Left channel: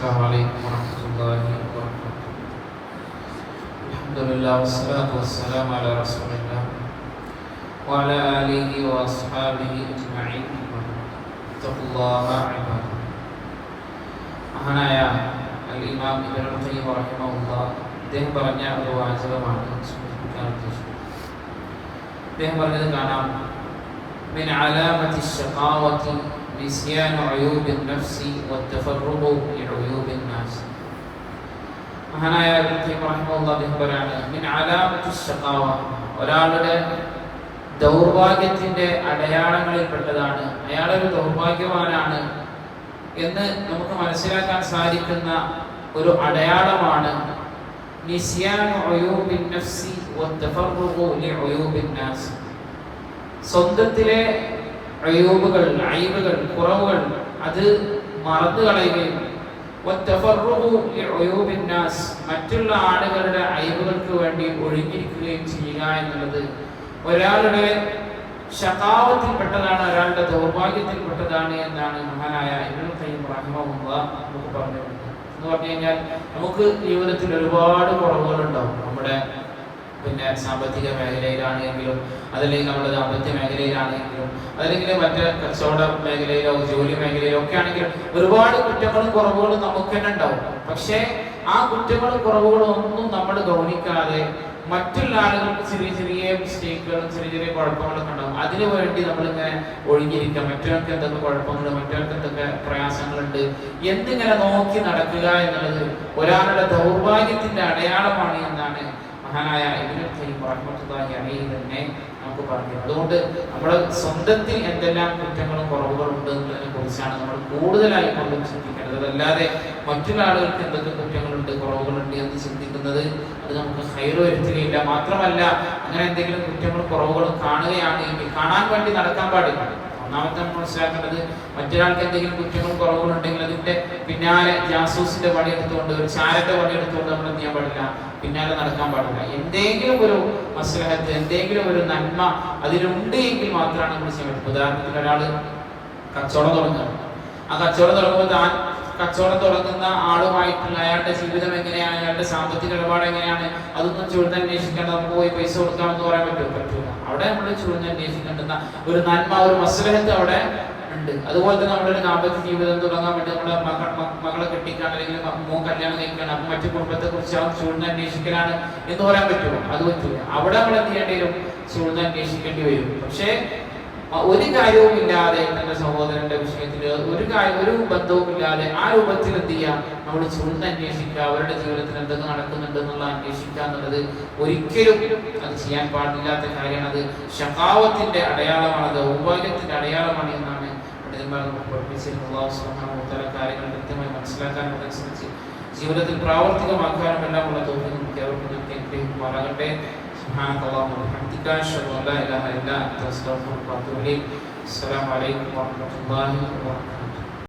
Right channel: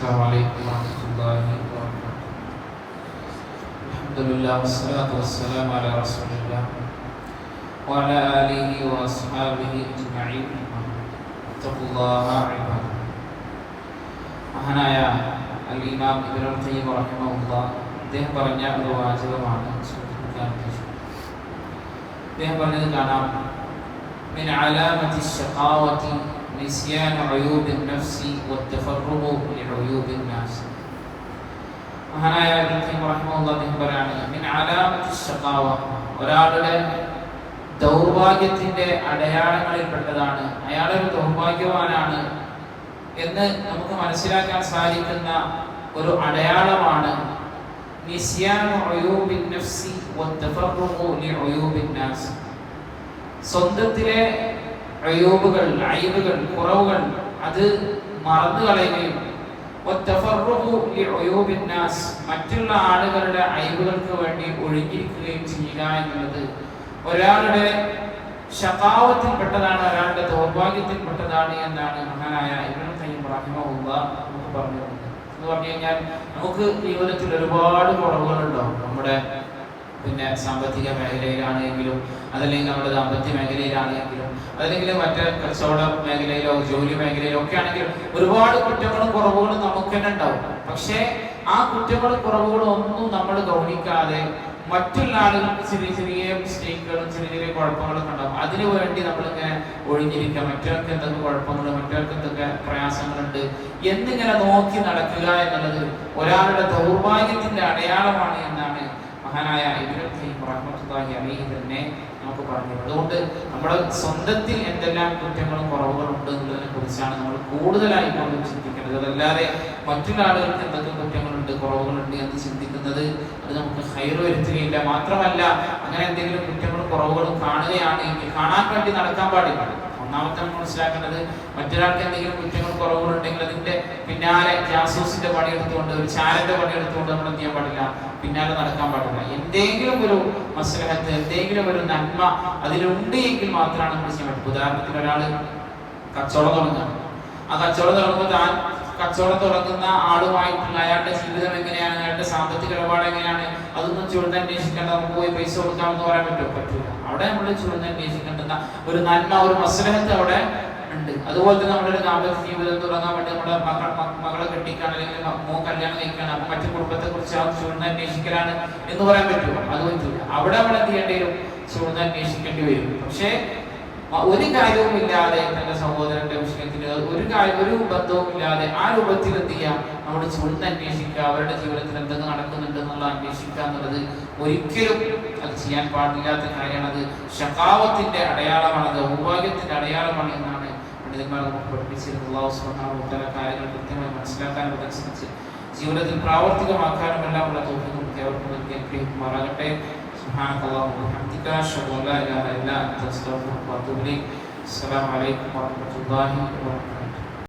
السلام عليكم ورحمة الله وبركاته. الحمد لله والصلاة والسلام على رسول الله وعلى آله وأصحابه أجمعين. اتقوا الله عباد. മഹാനായ അൽ ഇമാം ഇബ്നുൽ ഖയ്യിം റഹിമഹുല്ലാഹ് അദ്ദേഹം പറഞ്ഞ ഒരു വാചകമാണ് സൂചിപ്പിക്കാൻ ഉദ്ദേശിക്കുന്നത്. അദ്ദേഹം പറഞ്ഞത് കാണാം, മിൻ അലാമത്തി ശഖാവത്തി നിസ്യാൻ ഉയൂബിൻ നഫ്സി വത്തഫറുഖു ലിഉയൂബിൻ നാസ്. മഹാനായ ഇബ്നുൽ ഖയ്യിം റഹിമഹുല്ലാഹ് അദ്ദേഹം പറയാണ്, മിൻ അലാമത്തി ശഖാവ, ഒരാളുടെ ദൗർഭാഗ്യത്തിന്റെ അടയാളങ്ങളിൽപ്പെട്ടതാണ്, അയാളൊരു ദൗർഭാഗ്യവാനാണ് എന്ന് നമുക്ക് മനസ്സിലാക്കാൻ സാധിക്കുന്ന ഒരു അടയാളമാണ് നിസ്യാനു ഉയൂബിൻ നഫ്സി വത്തഫറുഖു ലിഉയൂബിൻ നാസ്. സ്വന്തത്തിലെ അയൂബുകൾ, അയ്ബുകൾ, കുറവുകൾ അത് മറന്നു കളയുകയും വത്തഫറുഖു ലിഉയൂബിൻ നാസ്, മറ്റുള്ള ആളുകളുടെ അയ്ബുകൾക്ക് വേണ്ടി ഒഴുകിയിരിക്കുകയും ചെയ്യുക എന്നുള്ളത് ഒരാളുടെ ശഖാവത്തിൽപ്പെട്ടതാണ്, ഒരാളുടെ ദൗർഭാഗ്യത്തിൽപ്പെട്ടതാണ് എന്നാണ് മഹാനായ ഇബ്നുൽ ഖയ്യിം റഹിമഹുല്ലാഹ് നമുക്ക് പറഞ്ഞത്. എന്ന് പറഞ്ഞു കഴിഞ്ഞാൽ നമുക്ക് ജീവിതത്തിൽ ഒരുപാട് കുറവുകളുണ്ടാവും. നമ്മുടെ സാമ്പത്തിക മേഖലയിലാണെങ്കിലും, അതല്ലെങ്കിൽ നമ്മുടെ ദാമ്പത്യ മേഖലയിലാണെങ്കിലും, അതല്ലെങ്കിൽ മറ്റേ കച്ചവട മേഖലയിലോ ജോലി മേഖലയിലോ ഒക്കെ ആണെങ്കിൽ ഒരുപാട് കുറ്റങ്ങളും കുറവുകളും നമുക്ക് തന്നെ ഉണ്ടാവും. പക്ഷേ ആ കുറ്റങ്ങളും കുറവുകളും ഒന്നും നമ്മൾ ഗൗനിക്കാതെ മറ്റുള്ള ആളുകൾക്ക് ചെറിയ ചെറിയ മിസ്റ്റേക്കുകളും ചെറിയ ചെറിയ കുഴപ്പങ്ങളൊക്കെ ഉണ്ടാവും. അതിനു വേണ്ടി നമ്മളിങ്ങനെ ഒഴിഞ്ഞിരിക്കുക, മറ്റവർക്ക് എന്തൊക്കെ കുഴപ്പങ്ങളുണ്ട്, മറ്റവർക്ക് എന്തൊക്കെ പ്രയാസങ്ങളുണ്ട് എന്നിങ്ങനെ നോക്കി നടക്കുക എന്നുള്ളത് ഒരാളുടെ ദൗർഭാഗ്യത്തിന്റെ അടയാളമാണ് എന്നാണ് മഹാനായ ഇബ്നുൽ ഖയ്യിം റഹ്മത്തുള്ളാഹി അലൈഹി തന്നെ നമുക്ക് പറഞ്ഞു. അതുകൊണ്ട് നമ്മുടെ സ്വന്തത്തിൽ എന്തെല്ലാം കുറ്റങ്ങളും കുറവുകളും ഉണ്ട് എന്നതിനെ കുറിച്ചാണ് നമ്മൾ കൂടുതലായി നമ്മൾ ചിന്തിക്കേണ്ടത്. അതല്ലാതെ മറ്റുള്ള ആളുകൾക്ക് എന്തൊക്കെ കുറ്റങ്ങളുണ്ട്, കുറവുകളുണ്ട് എന്ന് ചിന്തിക്കുന്നത് അത് നമുക്ക് ഖൈർ വരുത്തുകയില്ല. മാത്രമല്ല, അങ്ങനെ എന്തെങ്കിലും കുറ്റങ്ങളും കുറവുകളും കാണുകയാണെങ്കിൽ കാണാൻ വേണ്ടി നടക്കാൻ പാടില്ല. ഒന്നാമത്തെ മനസ്സിലാക്കേണ്ടത്, മറ്റൊരാൾക്ക് എന്തെങ്കിലും കുറ്റങ്ങളും കുറവുകളുണ്ടെങ്കിൽ അതിന്റെ പിന്നാലെ ജാസൂസിന്റെ പണിയെടുത്തുകൊണ്ട്, ഒരു ചാരന്റെ പണിയെടുത്തുകൊണ്ട് നമ്മൾ എന്ത് ചെയ്യാൻ പാടില്ല, പിന്നാലെ നടക്കാൻ പാടില്ല. എന്തെങ്കിലും ഒരു മസ്ലഹത്ത്, എന്തെങ്കിലും ഒരു നന്മ അതിലുണ്ട് എങ്കിൽ മാത്രമാണ് നമ്മൾ ചെയ്യാൻ പറ്റും. ഉദാഹരണത്തിന് ഒരാൾ കച്ചവടം തുടങ്ങുകയാണ്. ആ കച്ചവടം തുടങ്ങുമ്പോൾ താൻ കച്ചവടം തുടങ്ങുന്ന ആളുമായിട്ടുള്ള അയാളുടെ ജീവിതം എങ്ങനെയാണ്, അയാളുടെ സാമ്പത്തിക ഇടപാട് എങ്ങനെയാണ്, അതൊന്നും ചുഴന്നന്വേഷിക്കേണ്ട, നമുക്ക് പോയി പൈസ കൊടുക്കാമെന്ന് പറയാൻ പറ്റില്ല. അവിടെ നമ്മൾ ചുഴന്നന്വേഷിക്കേണ്ടുന്ന ഒരു നന്മ, ഒരു മസ്ലഹത്ത് അവിടെ ഉണ്ട്. അതുപോലെ തന്നെ നമ്മളൊരു ദാമ്പത്യ ജീവിതം തുടങ്ങാൻ വേണ്ടി നമ്മുടെ മകളെ കെട്ടിക്കാണ്, അല്ലെങ്കിൽ മോൻ കല്യാണം കഴിക്കാണ്, അപ്പൊ മറ്റു കുടുംബത്തെ കുറിച്ച് ആ ചുഴന്നന്വേഷിക്കലാണ് എന്ന് പറയാൻ പറ്റുമോ? അത് പറ്റില്ല. അവിടെ നമ്മൾ എന്ത് ചെയ്യേണ്ടി വരും? ചുഴന്നന്വേഷിക്കേണ്ടി വരും. പക്ഷേ ഒരു കാര്യവും ഇല്ലാതെ തന്റെ സഹോദരന്റെ വിഷയത്തിൽ ഒരു ബന്ധവും ഇല്ലാതെ ആ രൂപത്തിൽ എന്ത് ചെയ്യാം, നമ്മൾ ചുഴന്നന്വേഷിക്കുക, അവരുടെ ജീവിതത്തിൽ എന്തൊക്കെ നടക്കുന്നുണ്ട് എന്നുള്ള അന്വേഷിക്കുക എന്നുള്ളത് ഒരിക്കലും അത് ചെയ്യാൻ പാടില്ലാത്ത കാര്യമാണ്. അത് ശഖാവത്തിന്റെ അടയാളമാണ്, അത് ദൗർഭാഗ്യത്തിന്റെ അടയാളമാണ് എന്നാണ് പണ്ഡിതന്മാർ നമുക്ക് പഠിപ്പിച്ചിട്ടുള്ളത്. അല്ലാഹു സുബ്ഹാനഹു വ തആല കാര്യങ്ങൾ കൃത്യമായി മനസ്സിലാക്കാനും അതനുസരിച്ച് ജീവിതത്തിൽ പ്രാവർത്തികമാക്കാനും എല്ലാം ഉള്ള തൗഫീഖ് നമുക്ക് ഏവർക്കും ലഭിക്കുമാറാകട്ടെ. سبحانك اللهم وبحمدك أشهد أن لا إله إلا أنت أستغفرك وأتوب إليك. السلام عليكم ورحمة الله وبركاته.